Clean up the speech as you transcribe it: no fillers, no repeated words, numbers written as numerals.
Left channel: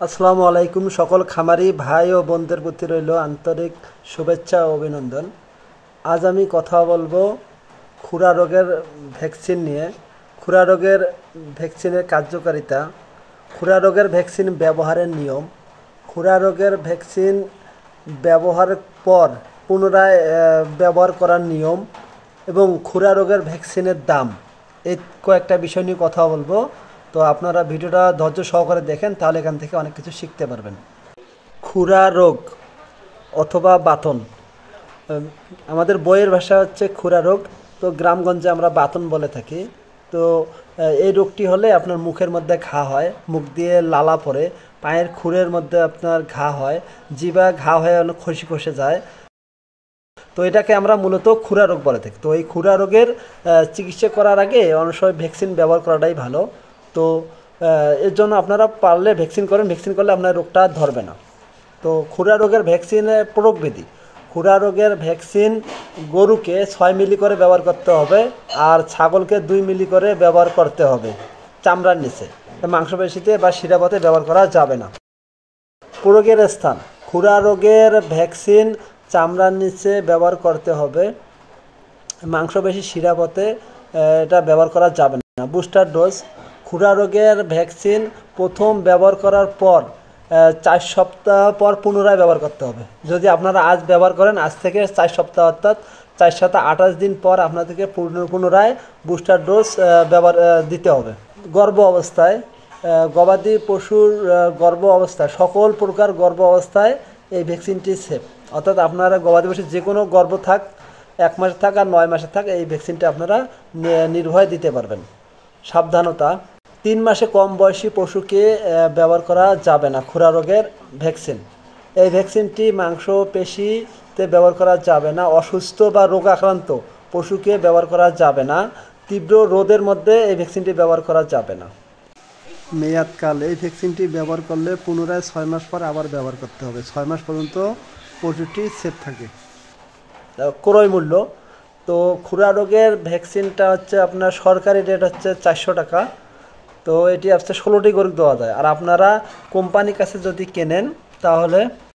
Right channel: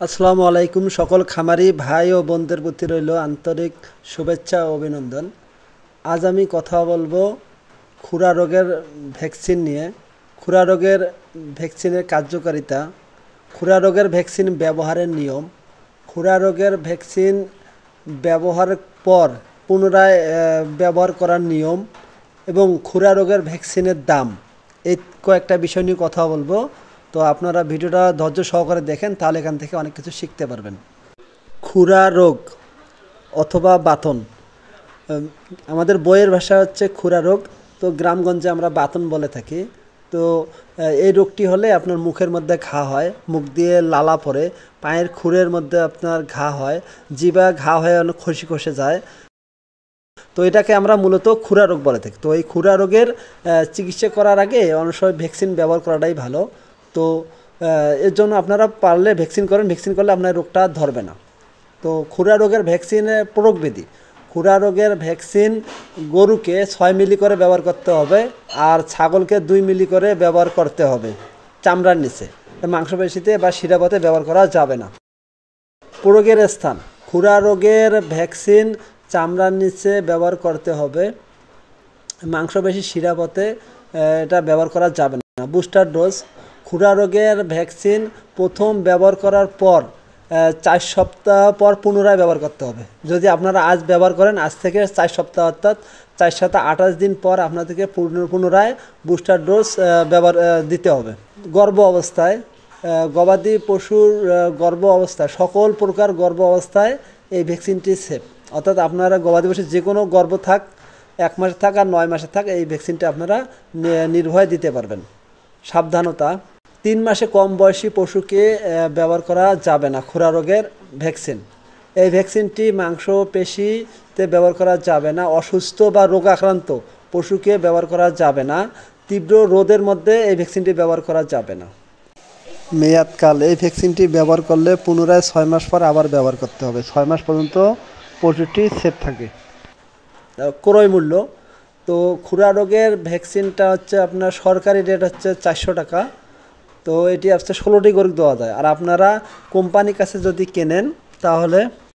আসসালামু আলাইকুম সকল খামারি ভাই ও বোনদের প্রতি রইল আন্তরিক শুভেচ্ছা ও অভিনন্দন। আজ আমি কথা বলবো খুরা রোগের ভ্যাকসিন নিয়ে। খুরা রোগের ভ্যাকসিনের কার্যকারিতা, খুরা রোগের ভ্যাকসিন ব্যবহারের নিয়ম, খুরা রোগের ভ্যাকসিন ব্যবহারের পর পুনরায় ব্যবহার করার নিয়ম এবং খুরা রোগের ভ্যাকসিনের দাম, এই কয়েকটা বিষয় নিয়ে কথা বলবো। তো আপনারা ভিডিওটা ধৈর্য সহকারে দেখেন, তাহলে এখান থেকে অনেক কিছু শিখতে পারবেন। খুরা রোগ অথবা বাতন, আমাদের বইয়ের ভাষা হচ্ছে খুরা রোগ, তো গ্রামগঞ্জে আমরা বাতন বলে থাকি। তো এই রোগটি হলে আপনার মুখের মধ্যে ঘা হয়, মুখ দিয়ে লালা পড়ে, পায়ের খুরের মধ্যে আপনার ঘা হয়, জিভা ঘা হয়ে অনেক খসে যায়। তো এটাকে আমরা মূলত খুরা রোগ বলে থাকি। তো এই খুরা রোগের চিকিৎসা করার আগে অনেক সময় ভ্যাকসিন ব্যবহার করাটাই ভালো। তো এর জন্য আপনারা পারলে ভ্যাকসিন করেন, ভ্যাকসিন করলে আপনার রোগটা ধরবে না। তো খুরা রোগের ভ্যাকসিনের প্রয়োগবিধি, খুরা রোগের ভ্যাকসিন গরুকে 6 মিলি করে ব্যবহার করতে হবে, আর ছাগলকে 2 মিলি করে ব্যবহার করতে হবে চামড়ার নিচে, মাংসপেশিতে বা শিরাপথে ব্যবহার করা যাবে না। প্রয়োগের স্থান, খুরা রোগের ভ্যাকসিন চামড়ার নিচে ব্যবহার করতে হবে, মাংসপেশি শিরাপথে এটা ব্যবহার করা যাবে না। বুস্টার ডোজ, খুরা রোগের ভ্যাকসিন প্রথম ব্যবহার করার পর 4 সপ্তাহ পর পুনরায় ব্যবহার করতে হবে। যদি আপনারা আজ ব্যবহার করেন, আজ থেকে 4 সপ্তাহ অর্থাৎ 4 সপ্তাহ 28 দিন পর আপনাদেরকে পুনরায় বুস্টার ডোজ ব্যবহার দিতে হবে। গর্ভ অবস্থায়, গবাদি পশুর গর্ভ অবস্থায়, সকল প্রকার গর্ভ অবস্থায় এই ভ্যাকসিনটি সেফ। অর্থাৎ আপনারা গবাদি পশু যে কোনো গর্ভ থাক, 1 মাসে থাক আর 9 মাসে থাক, এই ভ্যাকসিনটা আপনারা নির্ভয়ে দিতে পারবেন। সাবধানতা, 3 মাসে কম বয়সী পশুকে ব্যবহার করা যাবে না খুরা রোগের ভ্যাকসিন। এই ভ্যাকসিনটি মাংসপেশিতে ব্যবহার করা যাবে না। অসুস্থ বা রোগাক্রান্ত পশুকে ব্যবহার করা যাবে না। তীব্র রোদের মধ্যে এই ভ্যাকসিনটি ব্যবহার করা যাবে না। মেয়াদকাল, এই ভ্যাকসিনটি ব্যবহার করলে পুনরায় 6 মাস পর আবার ব্যবহার করতে হবে। 6 মাস পর্যন্ত পশুটি সেফ থাকে। ক্রয় মূল্য, তো খুরা রোগের ভ্যাকসিনটা হচ্ছে আপনার সরকারি রেট হচ্ছে 400 টাকা। তো এটি আসছে 16টি গরু দেওয়া যায়। আর আপনারা কোম্পানির কাছে যদি কেনেন তাহলে